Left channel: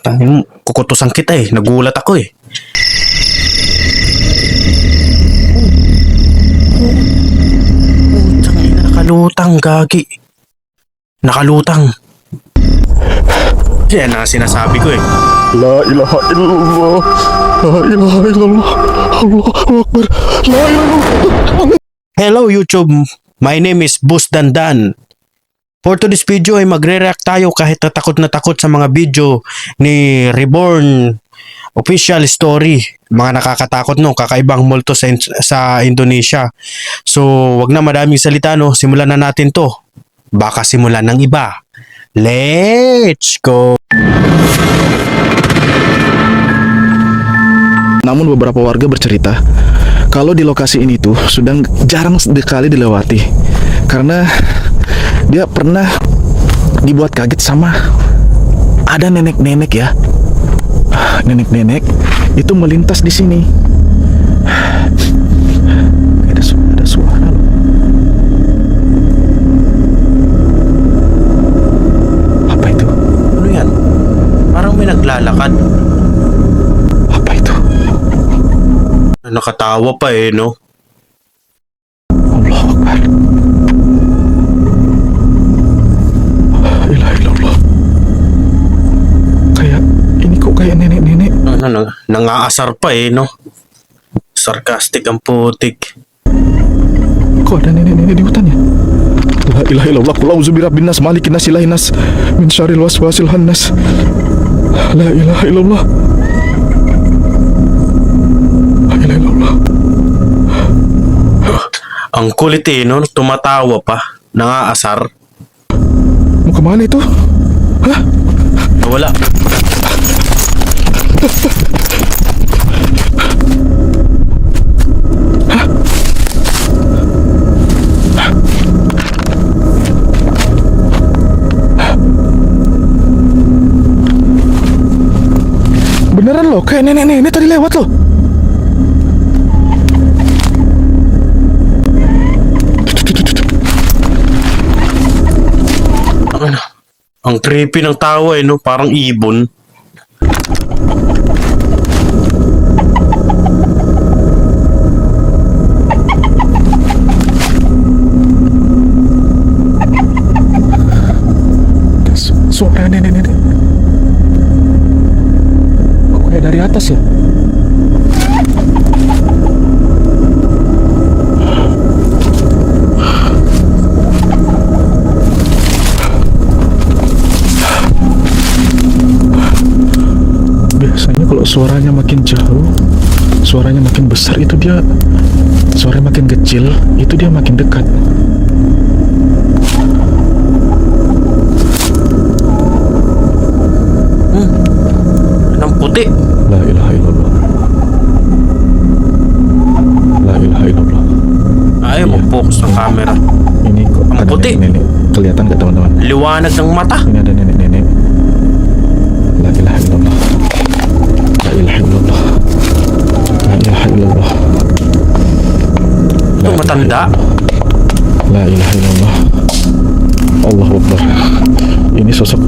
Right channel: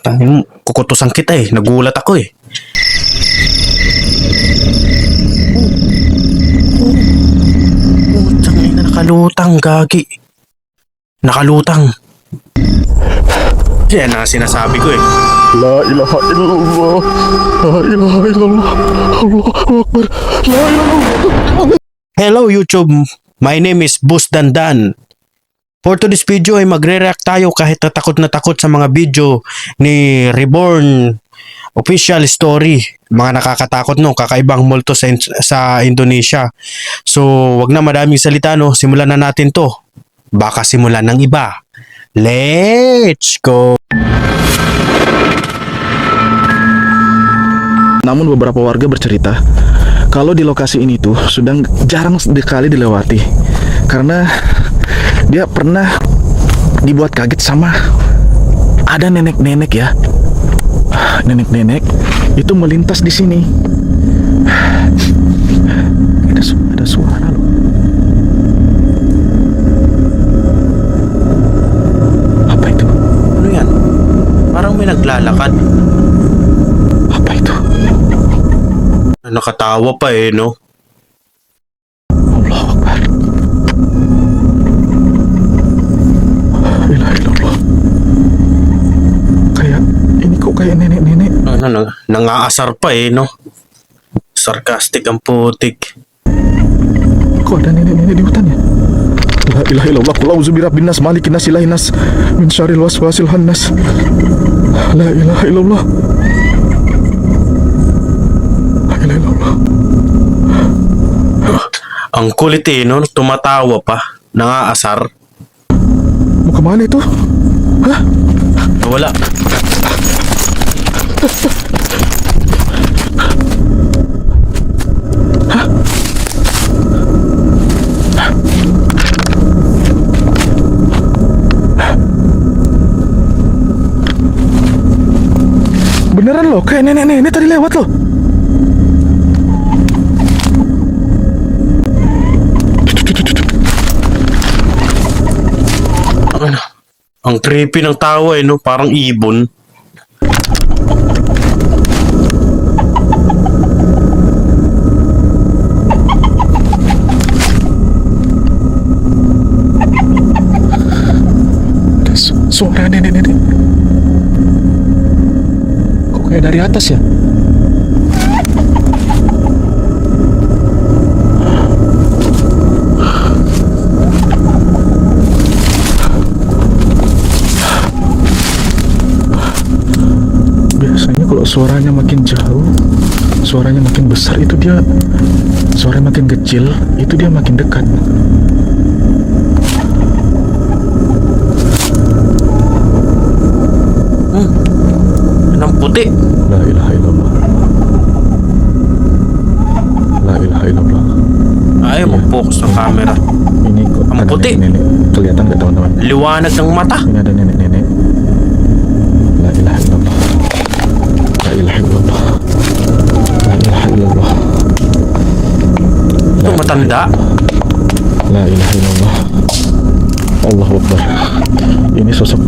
Tangin mo, kukutusan kita eh. Nagulat ako eh. Tangin na nakalutang, gagi. Nakalutang. Yan na sinasabi ko eh. La ilaha illallah. La ilaha illallah. Allahu Akbar. La ilaha illallah. Hello YouTube, my name is Boss Dandan. For today's video ay magre-react tayo kahit na takot sa mga video ni Reborn Official Story. Mga nakakatakot no, kakaibang multo sa Indonesia. So wag na madaming salita no, simulan na natin to. Baka simulan ng iba. Let's go! Namun beberapa warga bercerita kalau di lokasi ini tuh sudah jarang sekali dilewati karena dia pernah dibuat kaget sama ada nenek-nenek ya. Nenek-nenek itu melintas di sini. Ada suara loh. Apa itu? Ano yan? Parang may naglalakad. Apa itu? Nakatawa pa eh no? Allahu Akbar. Ilaha illallah. Kayak ini kok kayak nenek-nenek. Nangaasar pa eh no? Sarcastic ang putik. Kok ada nenek-nenek di hutan ya? La ilaha illallah. Qul a'udzu birabbin nas malikin nas ilahin nas min syarril waswasil khannas. La ilaha illallah. La ilaha illallah. Ang kulit eh no? Tumatawa pa. Nangaasar. Mau kemana itu? Hah? Wala. Beneran loh, kayak nenek-nenek tadi lewat loh. Ang creepy ng tawa eh no? Parang ibon. Suara nenek-nenek. Kok kayak dari atas ya? Biasanya kalau suaranya makin jauh, suaranya makin besar itu dia, suaranya makin kecil itu dia makin dekat. Anong puti? La ilaha illallah. La ilaha illallah. Ayaw Iya. mag-focus ng camera. Ini kok Ang ada puti. nenek-nenek. Kelihatan nggak teman-teman? Liwanag ng mata. Ini ada nenek-nenek. La ilaha illallah. La ilaha illallah. La ilaha illallah. Ito matanda. La ilaha illallah. Allahu Akbar. Ini sosok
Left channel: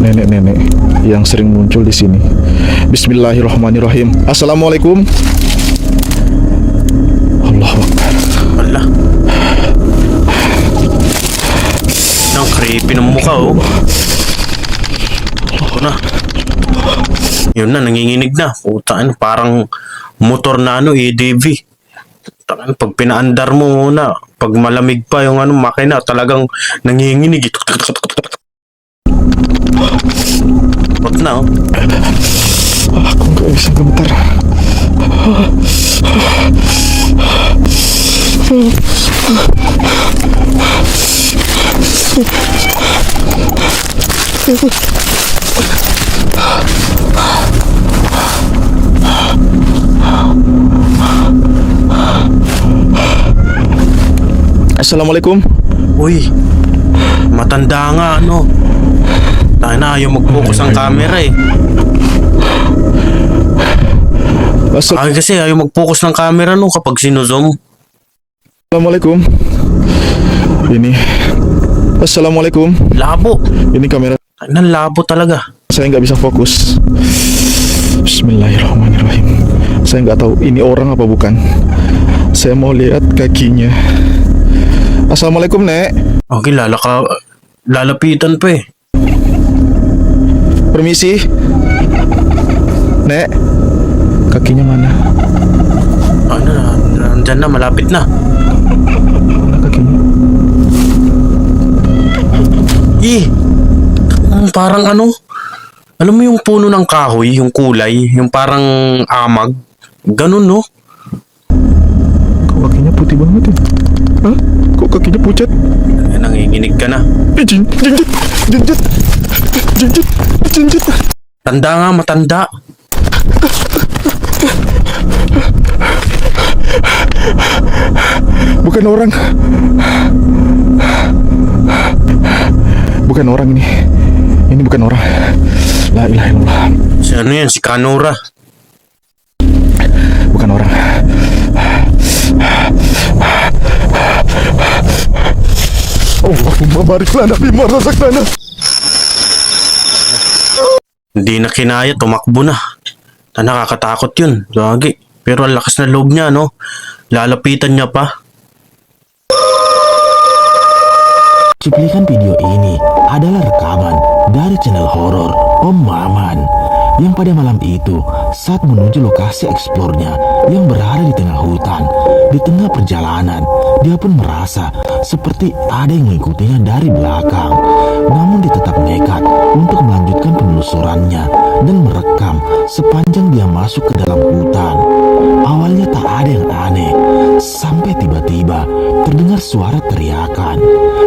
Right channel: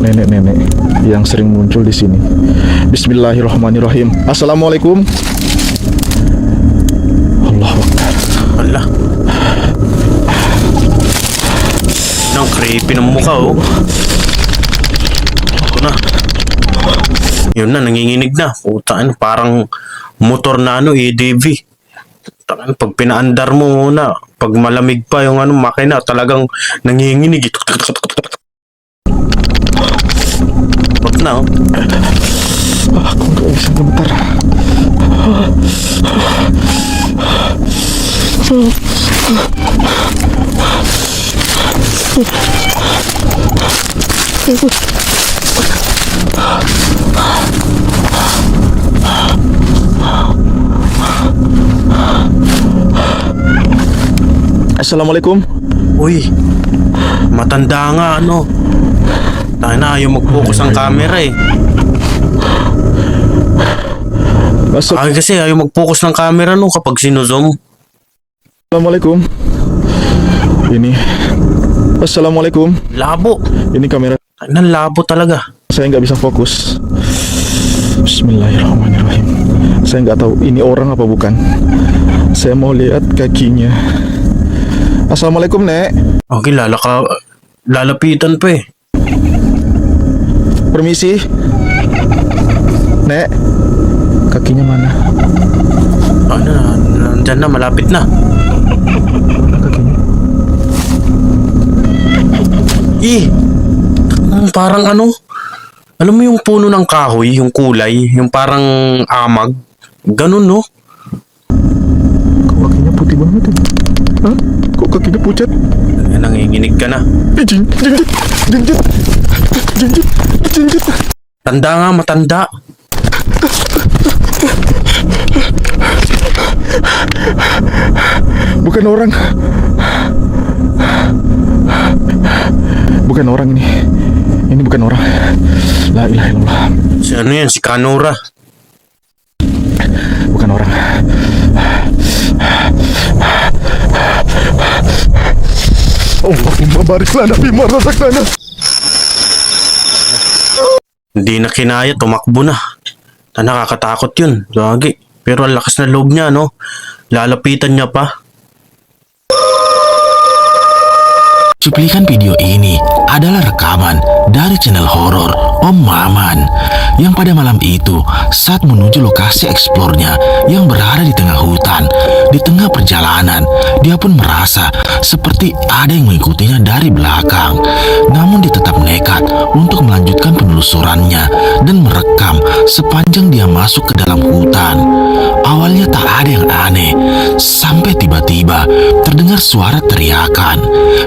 nenek-nenek yang sering muncul di sini. Bismillahirrahmanirrahim. Assalamualaikum. Allahu Akbar. Wala. Ang creepy ng mukha oh. Ito na. Yun na, nanginginig na. Putaan, parang motor na ano, ADV. Putaan, pag pinaandar mo muna, pag malamig pa yung ano, makina, talagang nanginginig. What na oh? Aku nggak bisa gemetar. Assalamualaikum. Uy, matanda nga ano. Tayo na, ayaw mag-focus ang camera eh. Ay kasi ayaw mag-focus ng camera no kapag sinozoom. Assalamualaikum. Ini Assalamualaikum. Labo. Ini kamera. Ay, labo talaga. Saya nggak bisa fokus. Bismillahirrahmanirrahim. Saya nggak tahu ini orang apa bukan. Saya mau lihat kakinya. Assalamualaikum, Nek. Okay, lalapitan pa eh. Permisi. Nek, kakinya mana? Ano na, nandyan na, malapit na. Mana kakinya? Parang ano, alam mo yung puno ng kahoy, yung kulay, yung parang amag. Ganun, no? Kok kakinya putih banget ya? Hah? Kok kakinya pucat? Nanginginig ka na. Jinjit, jinjit, jinjit, jinjit. Tanda nga, matanda. Bukan orang. Bukan orang ini. Ini bukan orang. La ilaha illallah. Si ano yan, si Kanora. Bukan orang. Allahumma barik lana bima razaqtana. Hindi na kinaya, tumakbo na. Nakakatakot yun, lagi. Pero ang lakas na loob niya, no? Lalapitan niya pa. Cuplikan video ini adalah rekaman dari channel horor Om Maman yang pada malam itu saat menuju lokasi eksplornya yang berada di tengah hutan. Di tengah perjalanan, dia pun merasa seperti ada yang mengikutinya dari belakang. Namun dia tetap nekat untuk melanjutkan penelusurannya dan merekam sepanjang dia masuk ke dalam hutan. Awalnya tak ada yang aneh, sampai tiba-tiba terdengar suara teriakan.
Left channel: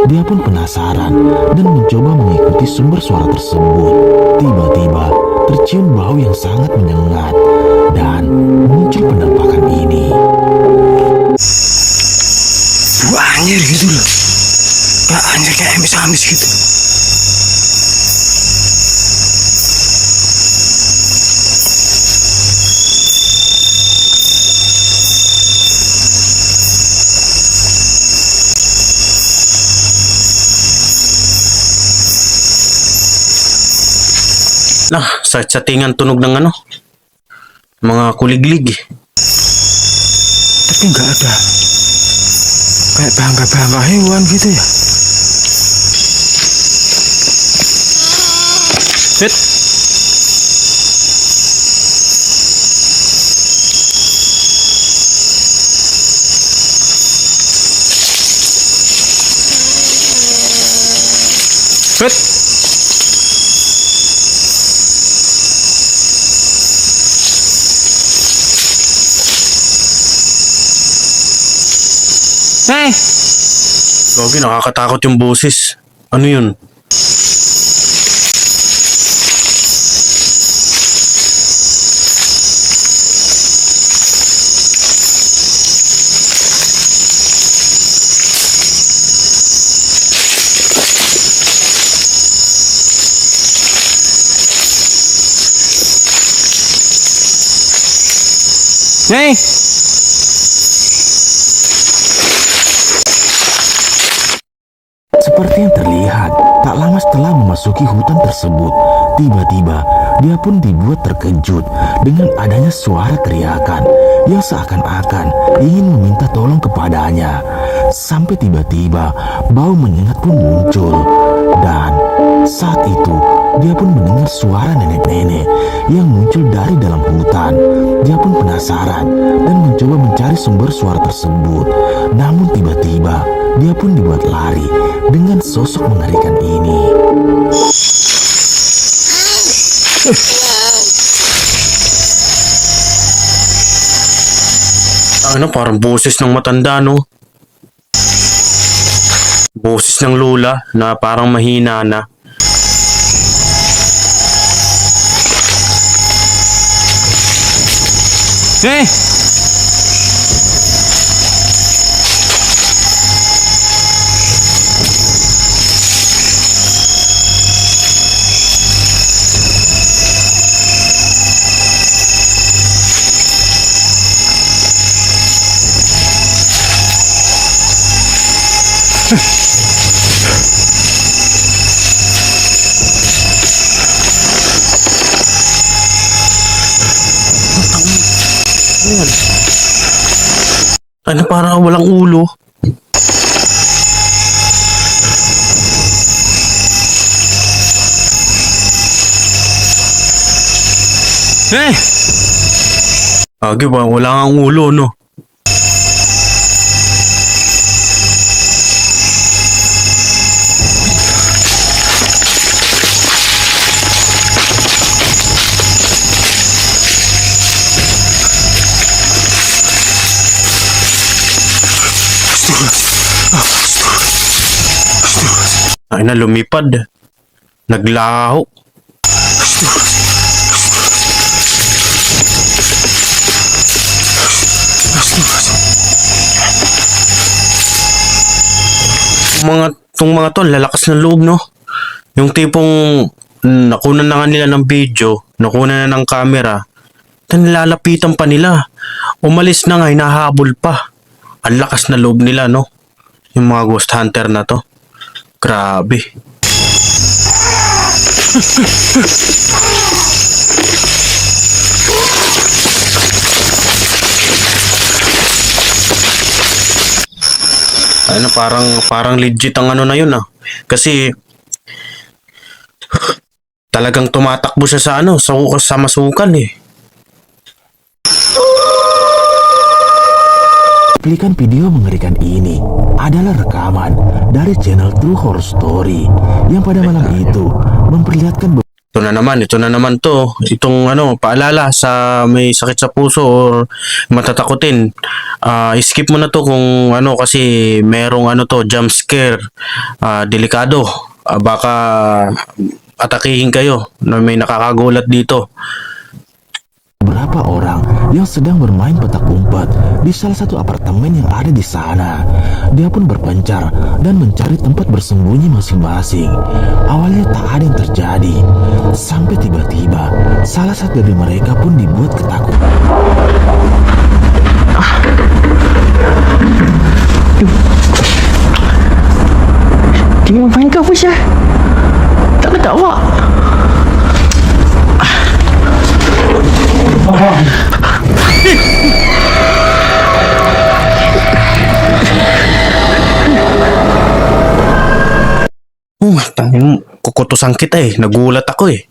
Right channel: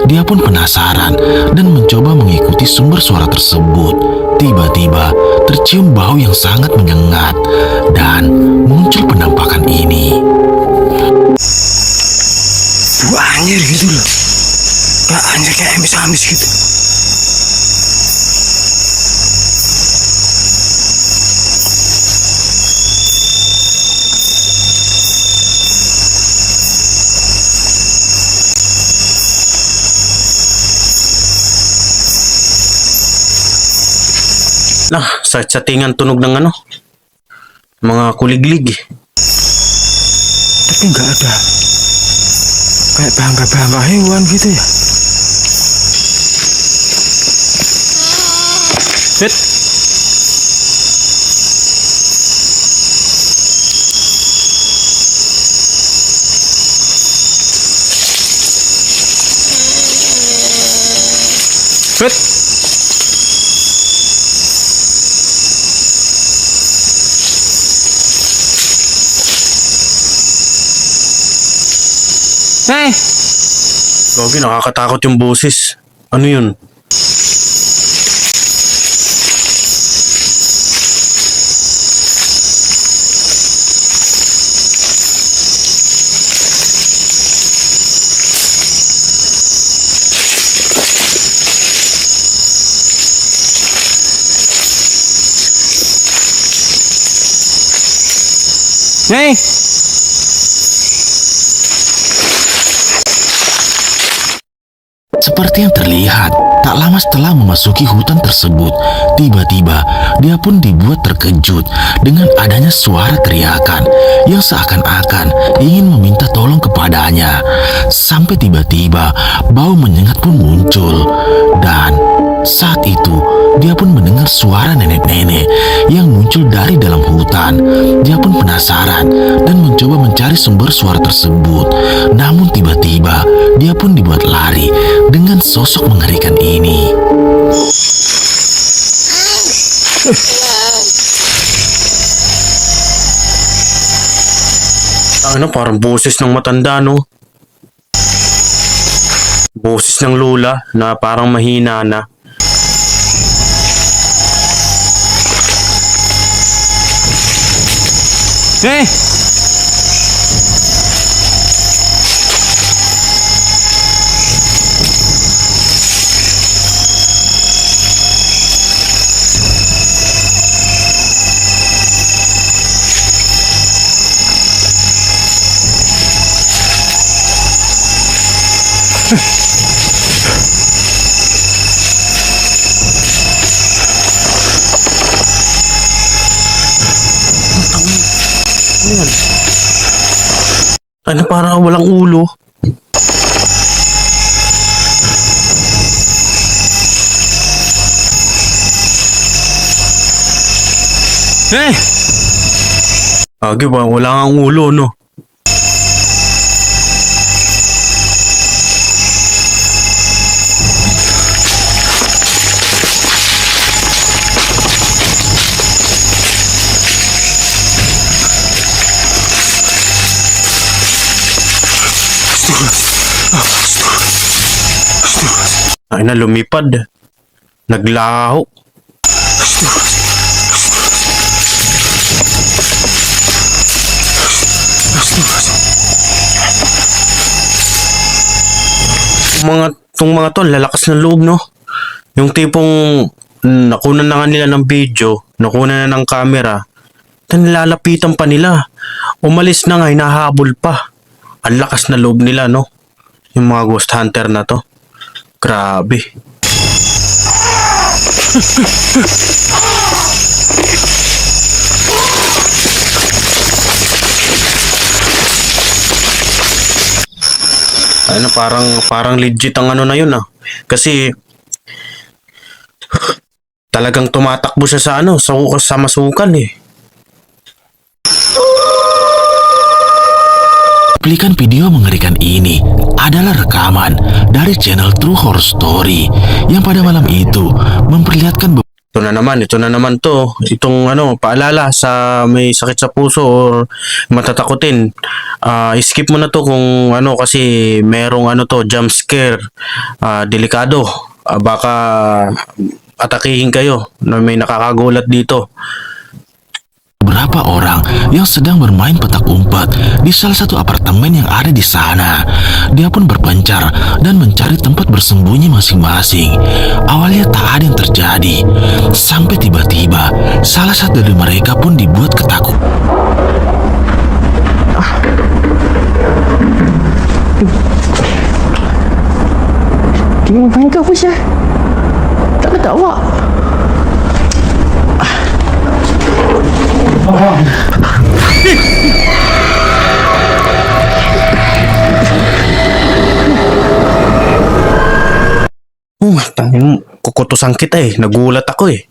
Dia pun penasaran dan mencoba mengikuti sumber suara tersebut. Tiba-tiba tercium bau yang sangat menyengat dan muncul penampakan ini. Anjir gitu loh. Kayak anjir kayak amis-amis gitu. Nah, sa tingan tunog ng ano, mga kuliglig. Tapi nggak ada kayak bangga-bangga hewan gitu ya. Wait. Wait. Hey, Gogi, nakakatakot yung boses. Ano yun? hey. Seperti yang terlihat, tak lama setelah memasuki hutan tersebut, tiba-tiba dia pun dibuat terkejut dengan adanya suara teriakan yang seakan-akan ingin meminta tolong kepadanya. Sampai tiba-tiba bau menyengat pun muncul, dan saat itu dia pun mendengar suara nenek-nenek yang muncul dari dalam hutan. Dia pun penasaran dan mencoba mencari sumber suara tersebut. Namun tiba-tiba dia pun dibuat lari dengan sosok mengerikan ini. Ano, parang boses ng matanda, no? Boses ng lula na parang mahina na. Hey. Ayan. Ano parang walang ulo? Eh! Agi ba? Wala nga ang ulo, no? Ay na, lumipad. Naglaho. Tong mga to, lalakas ng loob, no? Yung tipong nakunan na nga nila ng video, nakunan na ng camera, nilalapitan pa nila. Umalis na nga, hinahabol pa. Ang lakas na loob nila, no? Yung mga ghost hunter na to. Grabe. Ano, parang legit ang ano na yun, ah. Kasi talagang tumatakbo siya sa ano, sa masukan, eh. Cuplikan video mengerikan ini adalah rekaman dari channel True Horror Story yang pada malam itu memperlihatkan Ito na naman to. Itong ano, paalala sa may sakit sa puso or matatakutin. Skip mo na to kung ano, kasi merong ano to, jump scare. Delikado. Baka atakihin kayo na may nakakagulat dito. beberapa orang yang sedang bermain petak umpet di salah satu apartemen yang ada di sana. Dia pun berpencar dan mencari tempat bersembunyi masing-masing. Awalnya tak ada yang terjadi, sampai tiba-tiba salah satu dari mereka pun dibuat ketakutan. Dia ngapain kau Syah? Tak ada awak. Tangin, kukutusan kita eh. Nagulat ako eh.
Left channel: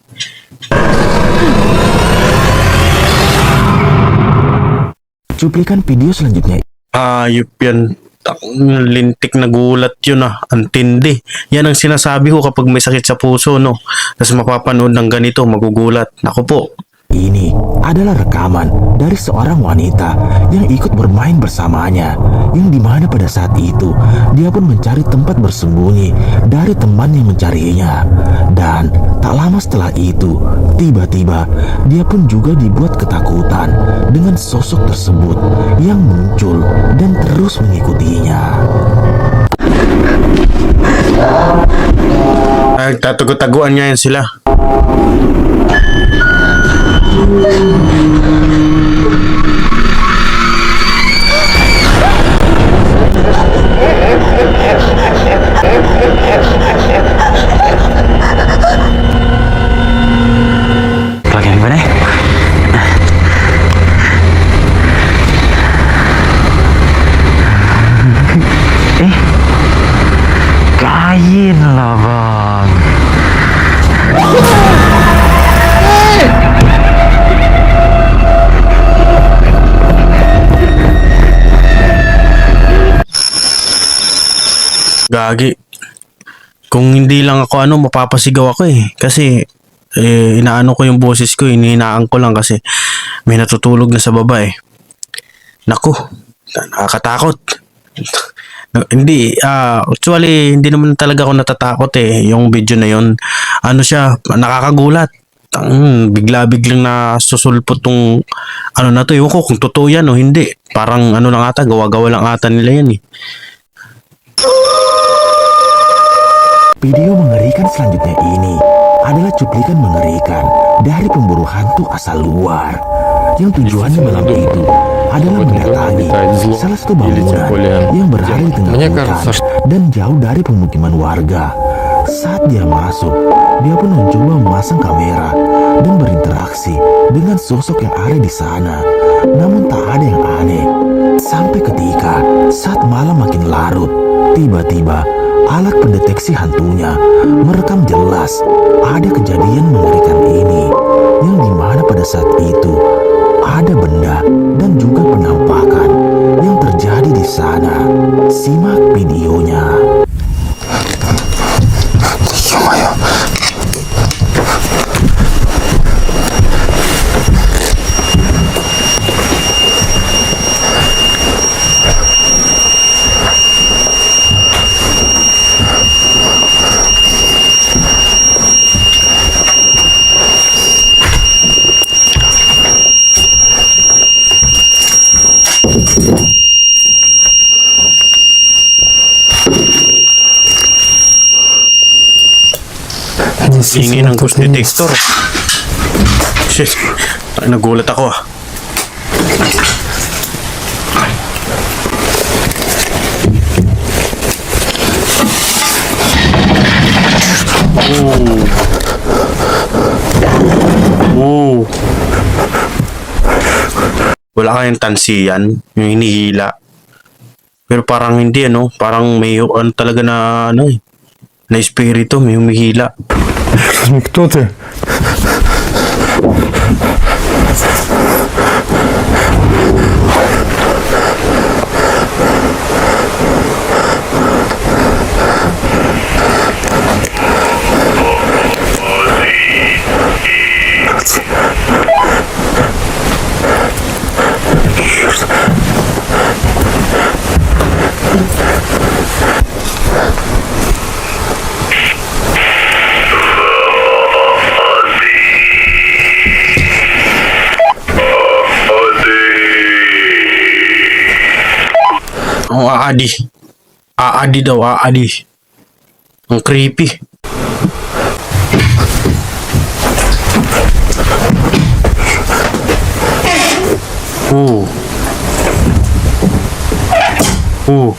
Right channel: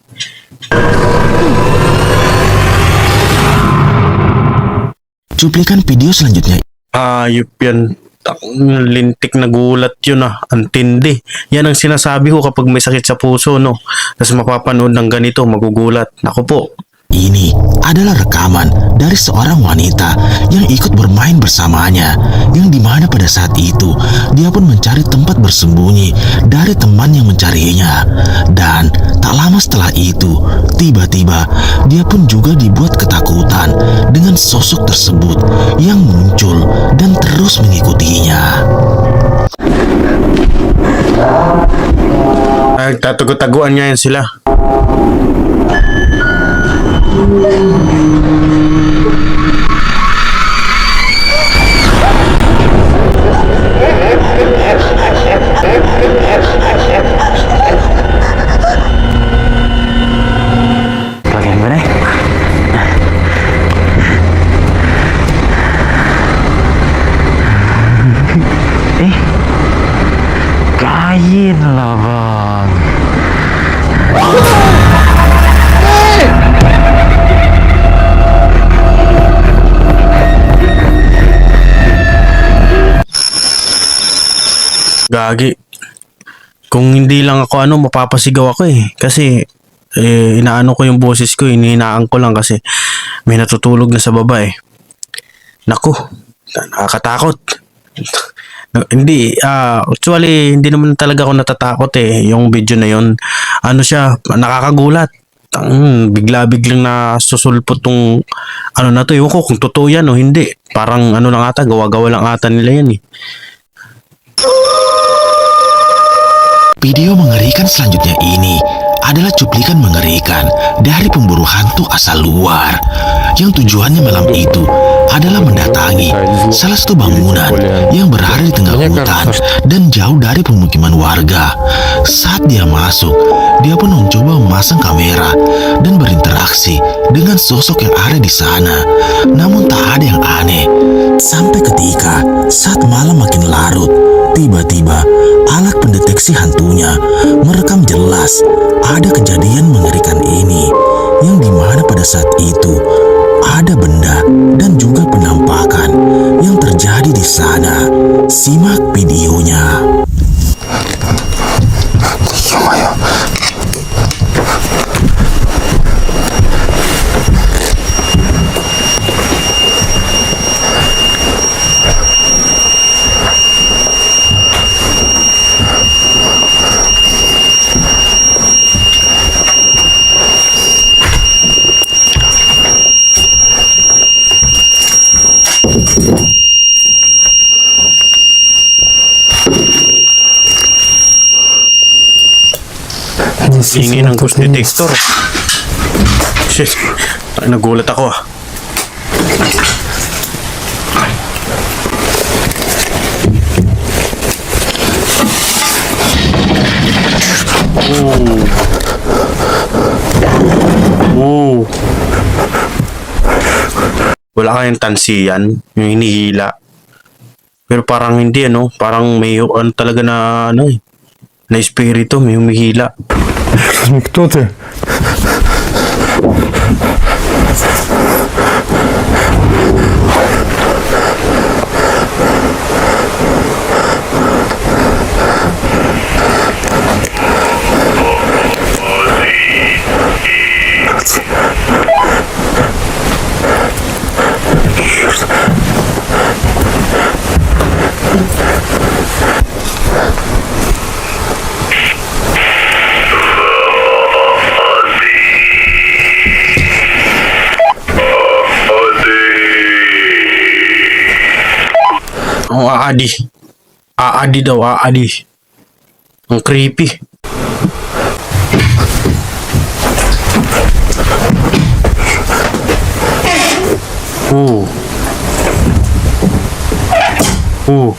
Cuplikan video selanjutnya. Ayop yan. Lintik na gulat yun ah. Antindi. Yan ang sinasabi ko kapag may sakit sa puso, no? Tapos mapapanood ng ganito, magugulat. Naku po. Ini adalah rekaman dari seorang wanita yang ikut bermain bersamanya, yang dimana pada saat itu dia pun mencari tempat bersembunyi dari teman yang mencarinya. Dan tak lama setelah itu, tiba-tiba dia pun juga dibuat ketakutan dengan sosok tersebut yang muncul dan terus mengikutinya. Tatago-taguan niya yan sila. Bagian mana? Kain lah bang. Gagi. Kung hindi lang ako ano, mapapasigaw ako eh. Kasi inaano ko yung boses ko, hinihinaan ko lang kasi may natutulog na sa baba eh. Naku, nakakatakot. Hindi, actually, hindi naman talaga ako natatakot eh. Yung video na yun, ano siya, nakakagulat. Bigla-biglang na susulpot tong ano na to. Ewan ko kung totoo yan o hindi. Parang ano lang ata, gawa-gawa lang ata nila yan eh. Video mengerikan selanjutnya ini adalah cuplikan mengerikan dari pemburu hantu asal luar yang tujuannya malam itu adalah mendatangi salah satu bangunan yang berada di tengah hutan dan jauh dari pemukiman warga. Saat dia masuk, dia pun mencoba memasang kamera dan berinteraksi dengan sosok yang ada di sana. Namun tak ada yang aneh. Sampai ketika saat malam makin larut, tiba-tiba alat pendeteksi hantunya merekam jelas ada kejadian mengerikan ini, yang dimana pada saat itu ada benda dan juga penampakan yang terjadi di sana. Simak videonya. ё-моё. Ingin ng ghost detector. Shit, nagulat ako ah. Oh. Wala kayang tansiyan, yung hinihila. Pero parang hindi ano, parang may ano talaga na ano eh. Na espiritu, may humihila. Кто ты? Oh, aadi. Aadi daw, aadi. Ang creepy. Oh. Oh.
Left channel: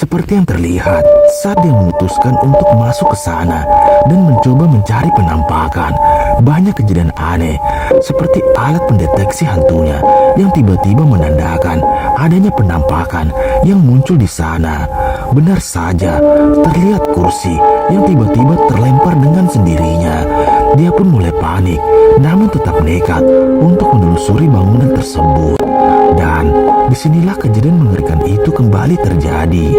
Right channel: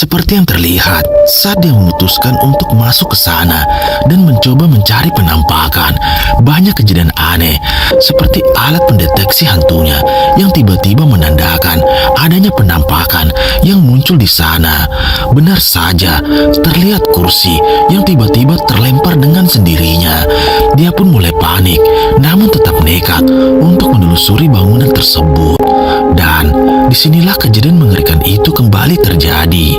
Seperti yang terlihat saat dia memutuskan untuk masuk ke sana dan mencoba mencari penampakan, banyak kejadian aneh seperti alat pendeteksi hantunya yang tiba-tiba menandakan adanya penampakan yang muncul di sana. Benar saja, terlihat kursi yang tiba-tiba terlempar dengan sendirinya. Dia pun mulai panik, namun tetap nekat untuk menelusuri bangunan tersebut. Dan disinilah kejadian mengerikan itu kembali terjadi.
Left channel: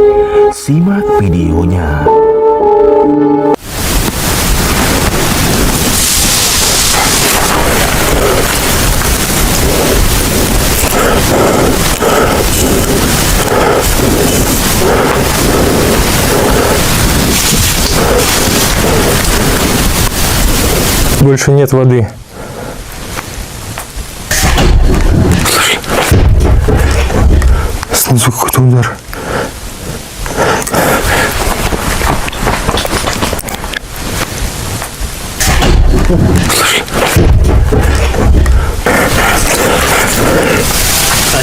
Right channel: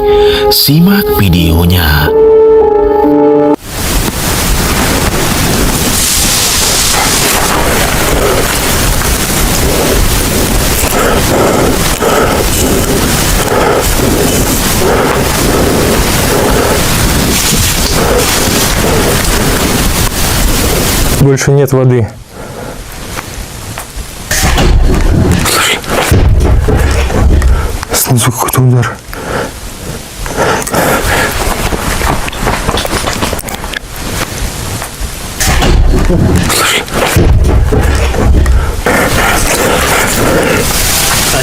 Simak videonya. Больше нет воды. Снизу какой-то удар.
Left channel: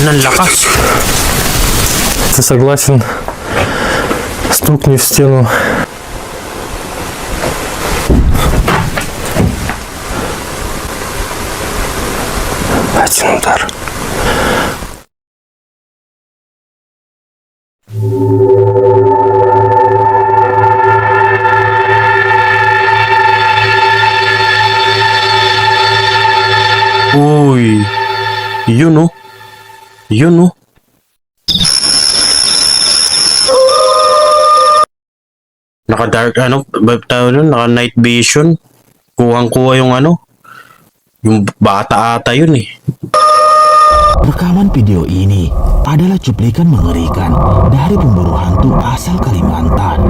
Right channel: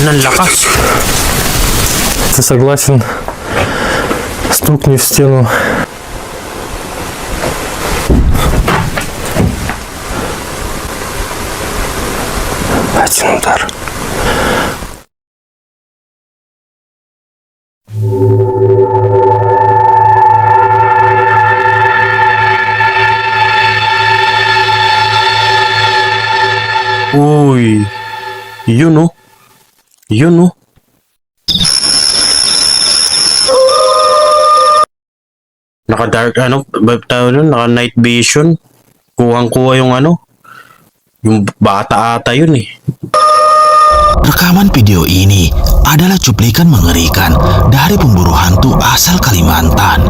Ang lakas. Ты согласен? Стукни в стену. Один удар. Uy. Yun oh. Yun oh. Naka-dark ano, tawag nun, naka-night vision. Kuhang-kuha yung ano. Yung bata ata yun eh. Rekaman video ini adalah cuplikan mengerikan dari pemburu hantu asal Kalimantan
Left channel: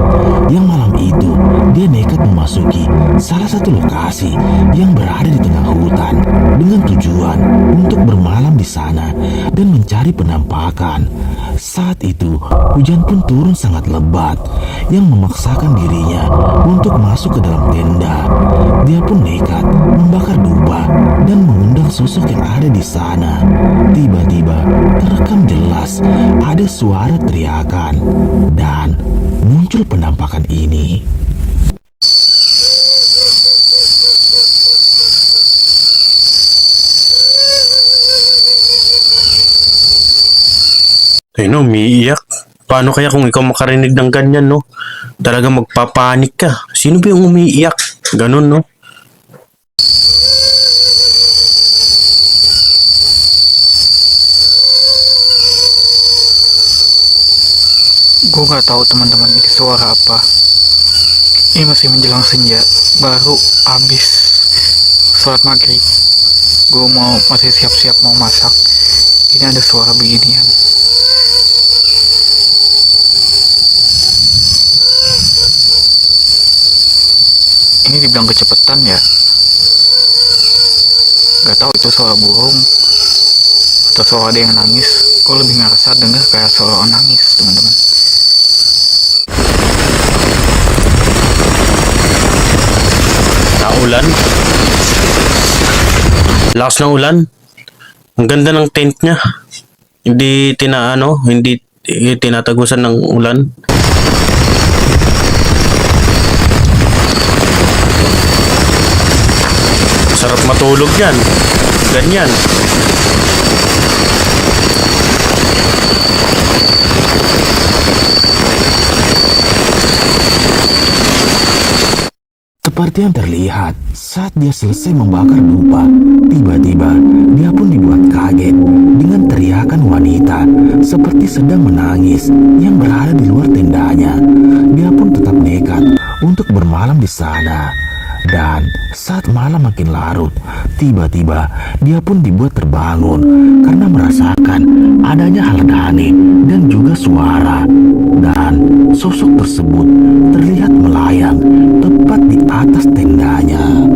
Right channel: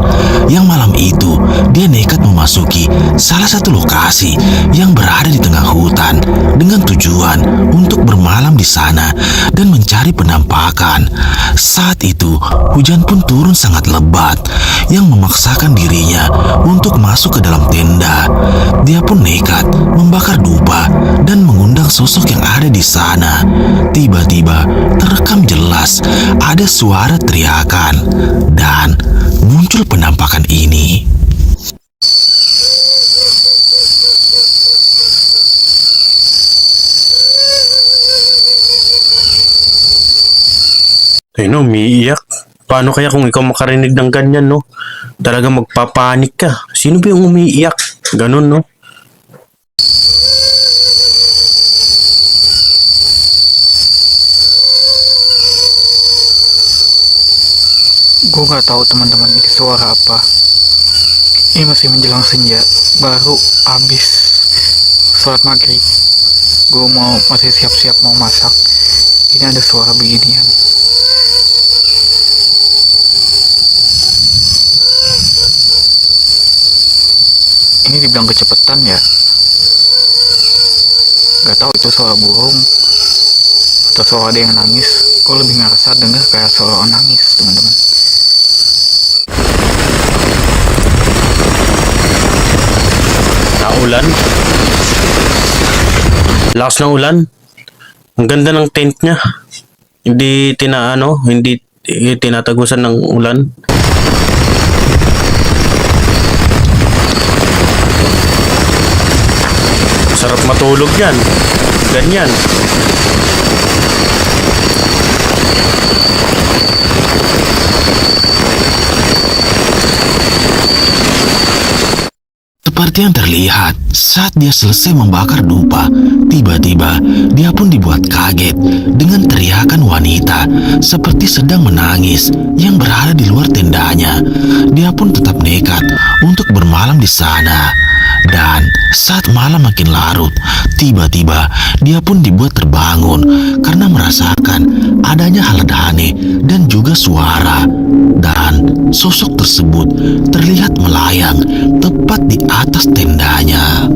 yang malam itu dia nekat memasuki salah satu lokasi yang berada di tengah hutan dengan tujuan untuk bermalam di sana dan mencari penampakan. Saat itu hujan pun turun sangat lebat yang memaksakan dirinya untuk masuk ke dalam tenda. Dia pun nekat membakar dupa dan mengundang sosok yang ada di sana. Tiba-tiba terekam jelas ada suara teriakan dan muncul penampakan ini. No, umiiyak. Paano kaya kung ikaw makarinig ng ganyan, no? Talaga magpapanik ka. Sino ba yung umiiyak? Ganun, no? Gue gak tahu teman-teman ini suara apa. Ini masih menjelang senja, baru habis sholat maghrib. Gue masih siap-siap mau masak. Ini ada suara beginian. Ini dibilang kecepatan ya. Gak tahu itu suara burung atau suara ada yang nangis. Gue lebih ngerasa dengar kayak suara orang nangis, teman-teman. Naulan. Lakas ng ulan. Ang ganda ng tent niya. Hindi tinatagusan ng ulan. Sarap matulog yan. Ganyan. Seperti yang terlihat saat dia selesai membakar dupa, tiba-tiba dia pun dibuat kaget dengan teriakan wanita seperti sedang menangis yang berada di luar tendanya. Dia pun tetap nekat untuk bermalam di sana. Dan saat malam makin larut, tiba-tiba dia pun dibuat terbangun karena merasakan adanya hal aneh dan juga suara. Dan sosok tersebut terlihat melayang tepat di atas tendanya.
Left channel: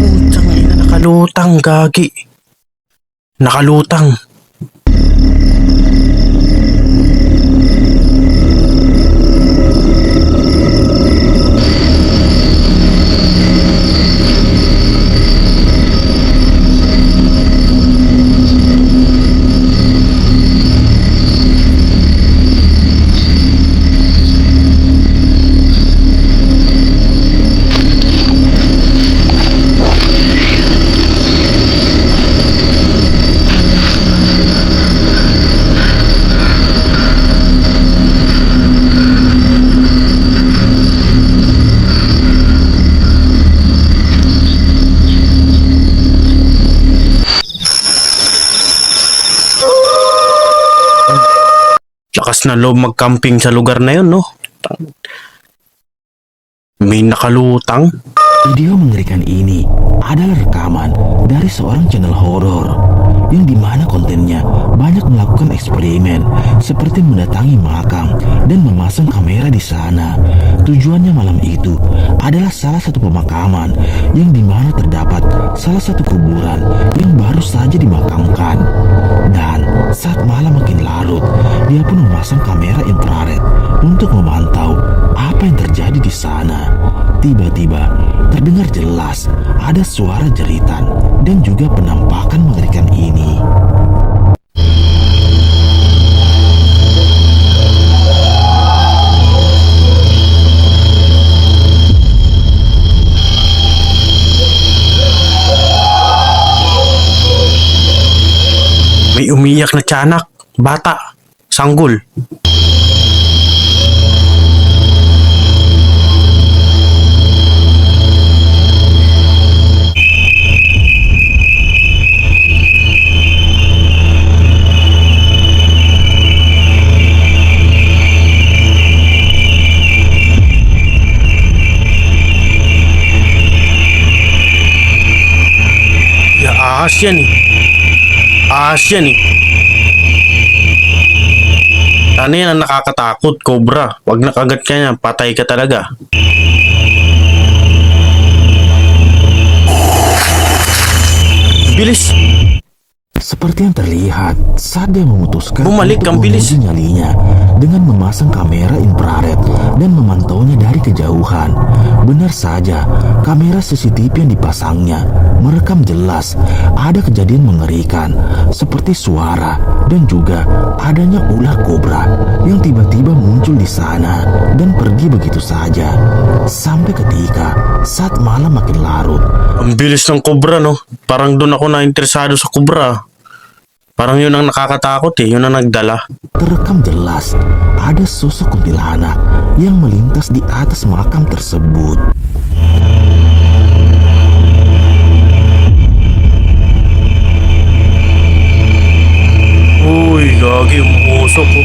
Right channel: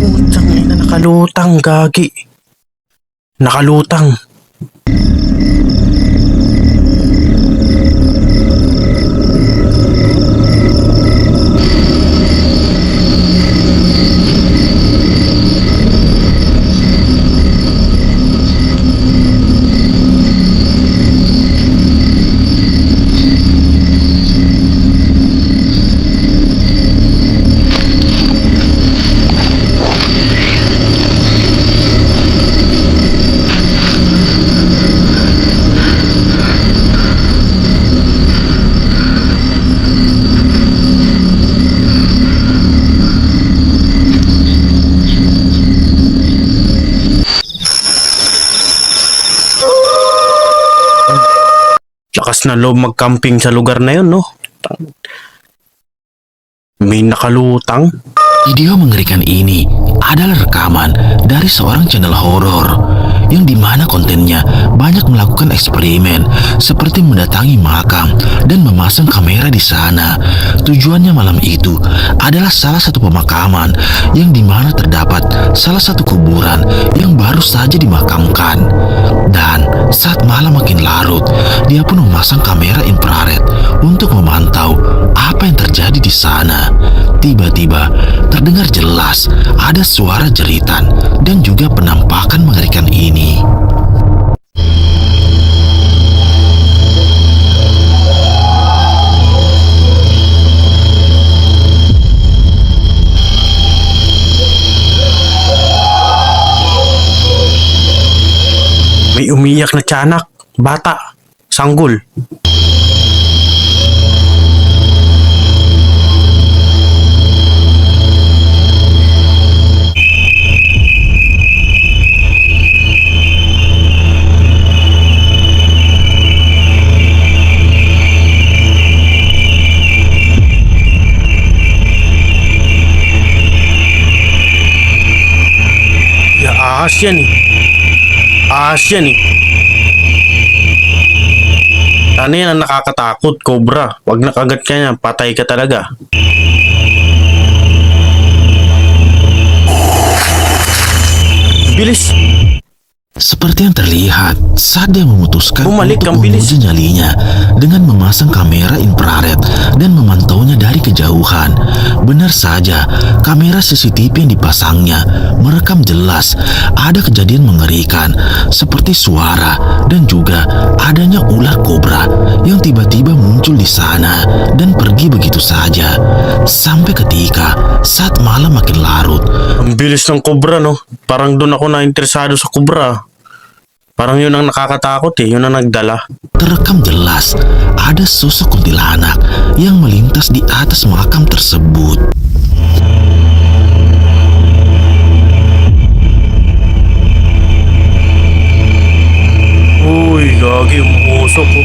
Utang ina, nakalutang, gagi. Nakalutang. Lakas na loob mag-camping sa lugar na yun, no? May nakalutang. Video mengerikan ini adalah rekaman dari seorang channel horor yang dimana kontennya banyak melakukan eksperimen seperti mendatangi makam dan memasang kamera di sana. Tujuannya malam itu adalah salah satu pemakaman yang dimana terdapat salah satu kuburan yang baru saja dimakamkan. Dan saat malam makin larut, dia pun memasang kamera infrared untuk memantau apa yang terjadi di sana. Tiba-tiba terdengar jelas ada suara jeritan dan juga penampakan mengerikan ini. May umiyak na tiyanak, bata, sanggol. Ahas yan eh. Ahas yan eh. Ano yan ang nakakatakot, Cobra? Wag na kagat ka niya, patay ka talaga. Bilis. Seperti yang terlihat saat dia memutuskan Bumalik, untuk ang bilis. menguji nyalinya dengan memasang kamera infrared dan memantaunya dari kejauhan. Benar saja, kamera CCTV yang dipasangnya merekam jelas ada kejadian mengerikan seperti suara dan juga adanya ular kobra yang tiba-tiba muncul di sana dan pergi begitu saja. Sampai ketika saat malam makin larut, Ang bilis ng Cobra, no? Parang doon ako na-interesado sa Cobra. Parang yun ang nakakatakot eh, yun ang nagdala. terekam jelas ada sosok kuntilanak yang melintas di atas makam tersebut. Uy, gagi, umuusok ko.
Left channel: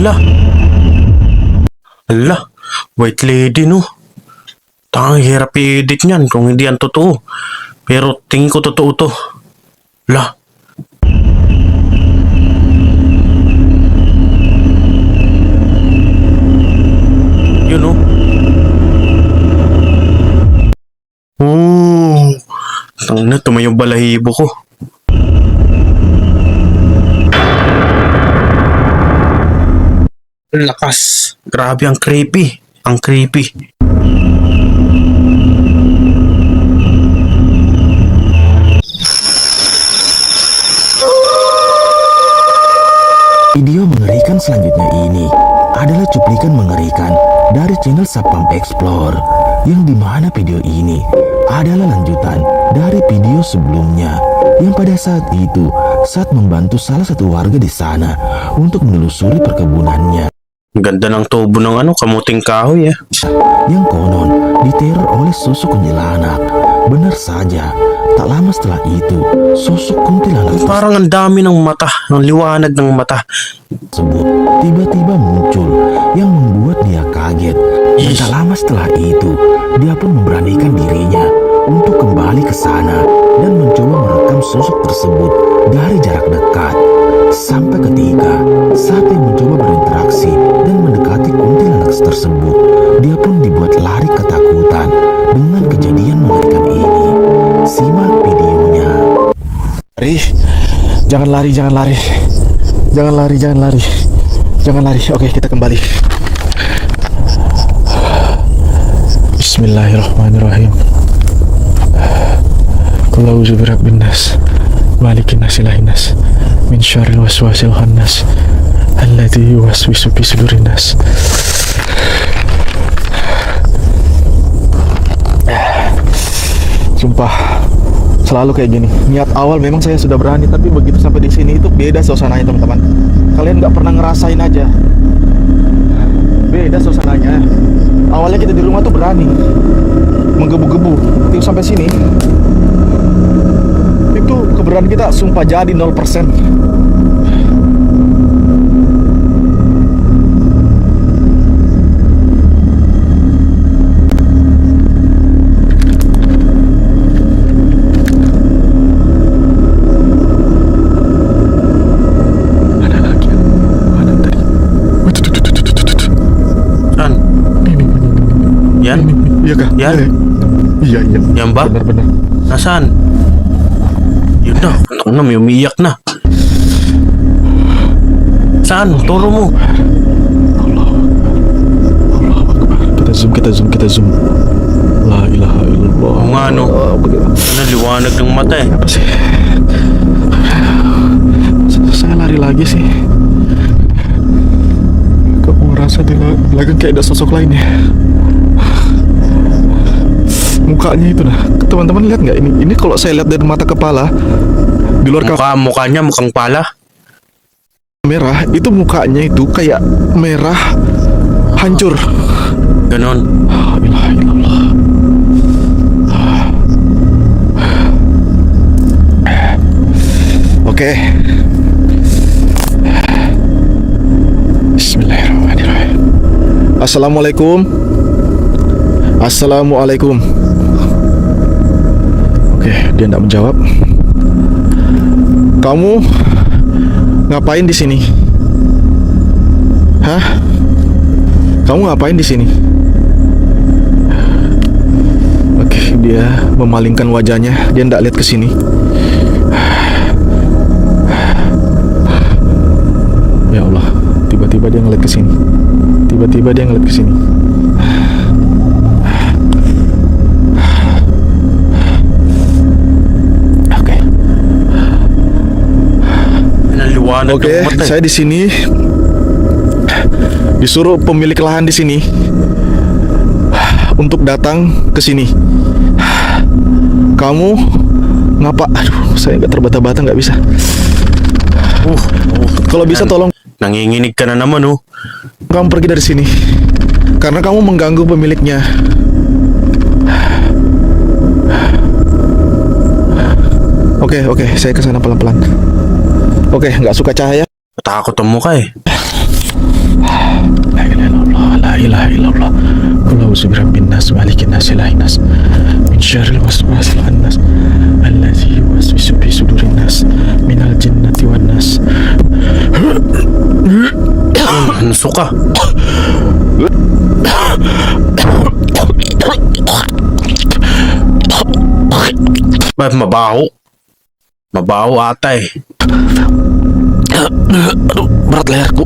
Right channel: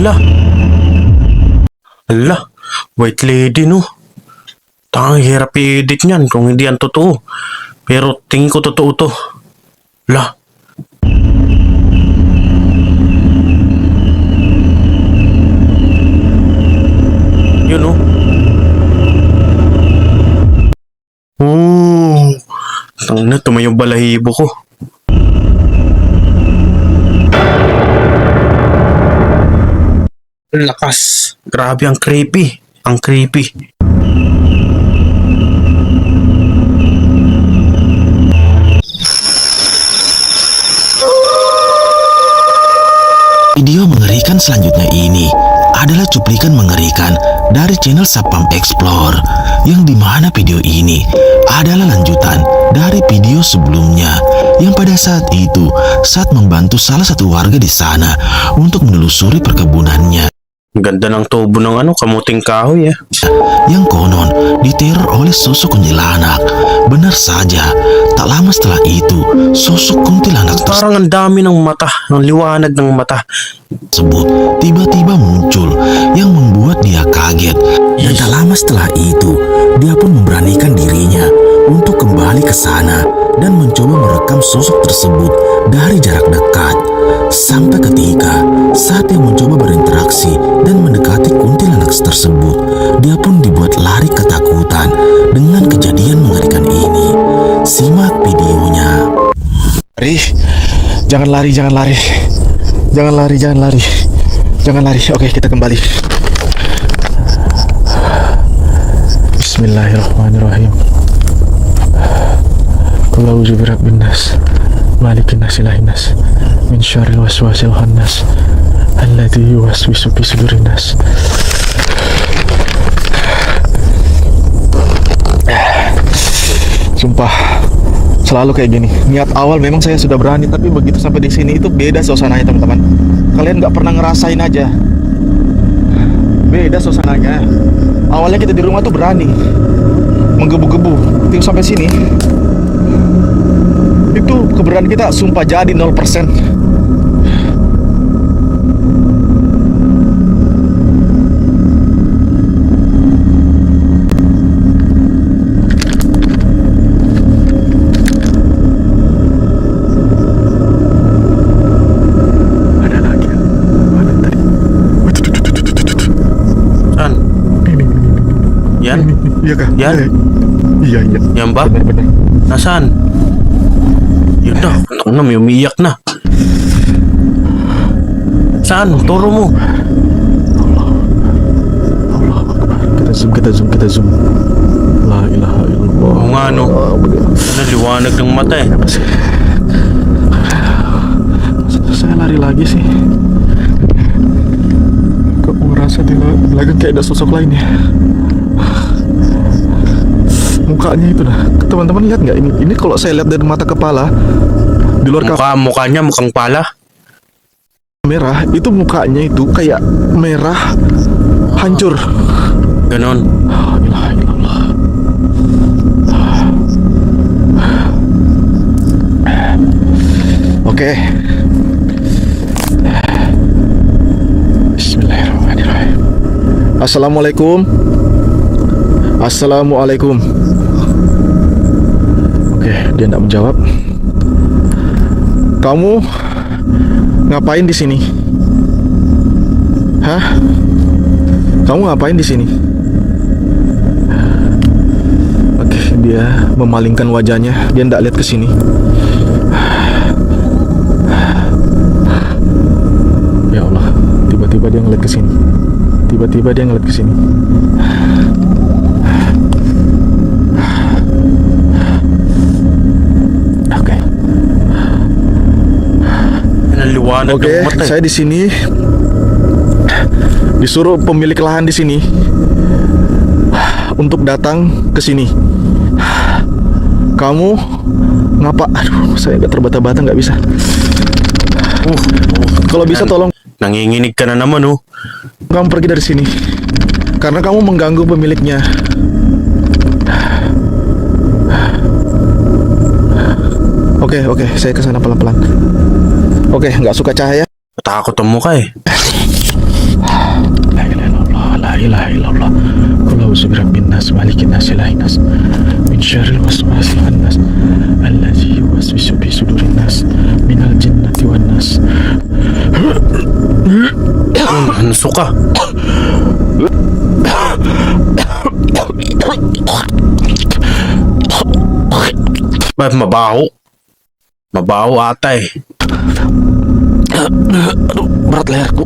Ala. Ala. White lady, no? Tangang hirap i-edit niyan kung hindi yan totoo. Pero tingin ko totoo to. Ala. Yun, no? Tangina na, tumayong balahibo ko. Lakas. Grabe, ang creepy. Ang creepy. Video mengerikan selanjutnya ini adalah cuplikan mengerikan dari channel Sapam Explore, yang dimana video ini adalah lanjutan dari video sebelumnya yang pada saat itu saat membantu salah satu warga di sana untuk menelusuri perkebunannya Ang ganda ng tubo ng kamuting kahoy, yang konon diteror oleh sosok kuntilanak. Benar saja, tak lama setelah itu sosok kuntilanak Parang ang dami ng mata, ang liwanag ng mata. tersebut tiba-tiba muncul yang membuat dia kaget. Dan tak lama setelah itu, dia pun memberanikan dirinya untuk kembali ke sana dan mencoba merekam sosok tersebut dari jarak dekat. Sampai ketika saat dia mencoba berinteraksi dan mendekati kuntilanak tersebut, dia pun dibuat lari ketakutan dengan kejadian mengerikan ini. Simak videonya. Lari, jangan lari, jangan lari. Jangan lari, jangan lari. Jangan lari. Oke, kita kembali. Bismillahirrahmanirrahim. Qul a'udzu birabbin nas, malikin nas, ilahin nas, min syarril waswasil khannas, alladzi yuwaswisu fi sudurin nas. Sumpah, selalu kayak gini. Niat awal memang saya sudah berani, tapi begitu sampai di sini itu beda suasananya, teman-teman. Kalian nggak pernah ngerasain aja. Beda suasananya. Awalnya kita di rumah tuh berani, menggebu-gebu. Begitu sampai sini, itu keberanian kita sumpah jadi 0%. Saan? Yan? Iya kah? Yan? Iya. Yan ba? Benar-benar. Nasaan? Yun na, may umiiyak na. Saan? Turo mo. Allah Akbar. Kita zoom. La ilaha illallah. Oo nga, no? Bener. Ano, liwanag ng mata eh. Apa sih? Saya lari lagi sih. Kok ngerasa di belakang kayak ada sosok lain ya? Mukanya itu nah, teman-teman lihat nggak ini? Ini kalau saya lihat dari mata kepala, di luar Mukanya mukhang pala. kamera itu mukanya itu kayak merah hancur. Ganon. La ilaha illallah. Oke. Bismillahirrahmanirrahim. Assalamualaikum. Assalamualaikum. Oke, dia tidak menjawab. Kamu ngapain di sini? Hah? Kamu ngapain di sini? Oke, dia memalingkan wajahnya. Dia tidak lihat ke sini. Ya Allah, tiba-tiba dia ngeliat ke sini. Tiba-tiba dia ngeliat ke sini. Oke. Naliwanag Oke, ng mata. saya di sini disuruh pemilik lahan di sini untuk datang ke sini. Kamu ngapa? Aduh, saya nggak terbata-bata, nggak bisa. Kalau bisa tolong Nanginginig ka na naman, oh. kamu pergi dari sini karena kamu mengganggu pemiliknya. Oke, saya kesana pelan-pelan. Oke, nggak suka cahaya. Matakot ang mukha eh. La ilaha illallah, la ilaha illallah. Qul a'udzu birabbin nas, malikin nas, ilahin nas, min syarril waswasil khannas, allazi yuwaswisu fi sudurin nas, minal jinnati wan nas. Suka. Ba't mabaho? Mabaho ata eh. Aduh, berat leherku.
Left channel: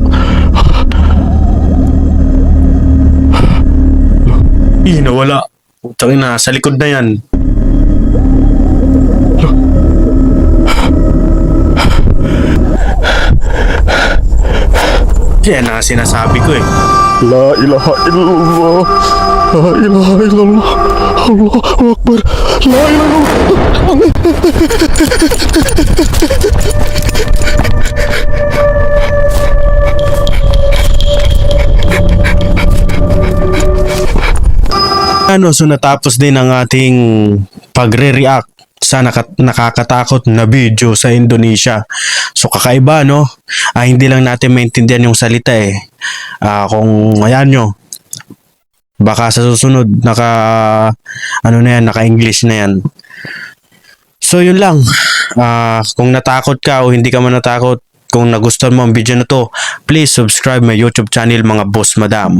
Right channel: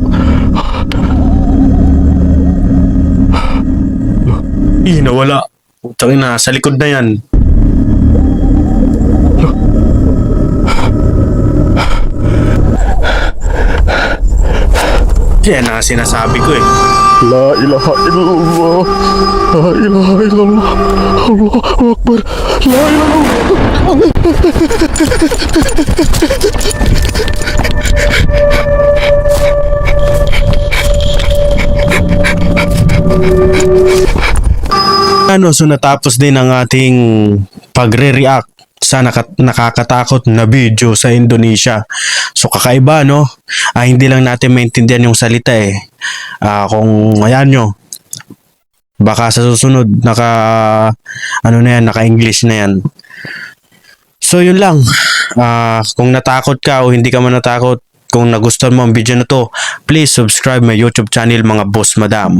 Ih, nawala. Utangin na, sa likod na yan. Yan ang sinasabi ko eh. La ilaha illallah. La ilaha illallah. Allahu Akbar. La ilaha illallah. Ano, so natapos din ang ating pagre-react sa nakakatakot na video sa Indonesia. So kakaiba, no? Hindi lang natin maintindihan yung salita eh. Kung ayan nyo, baka sa susunod naka-English na yan. So yun lang. Kung natakot ka o hindi ka man natakot, kung nagustuhan mo ang video na to, please subscribe my YouTube channel, mga boss madam.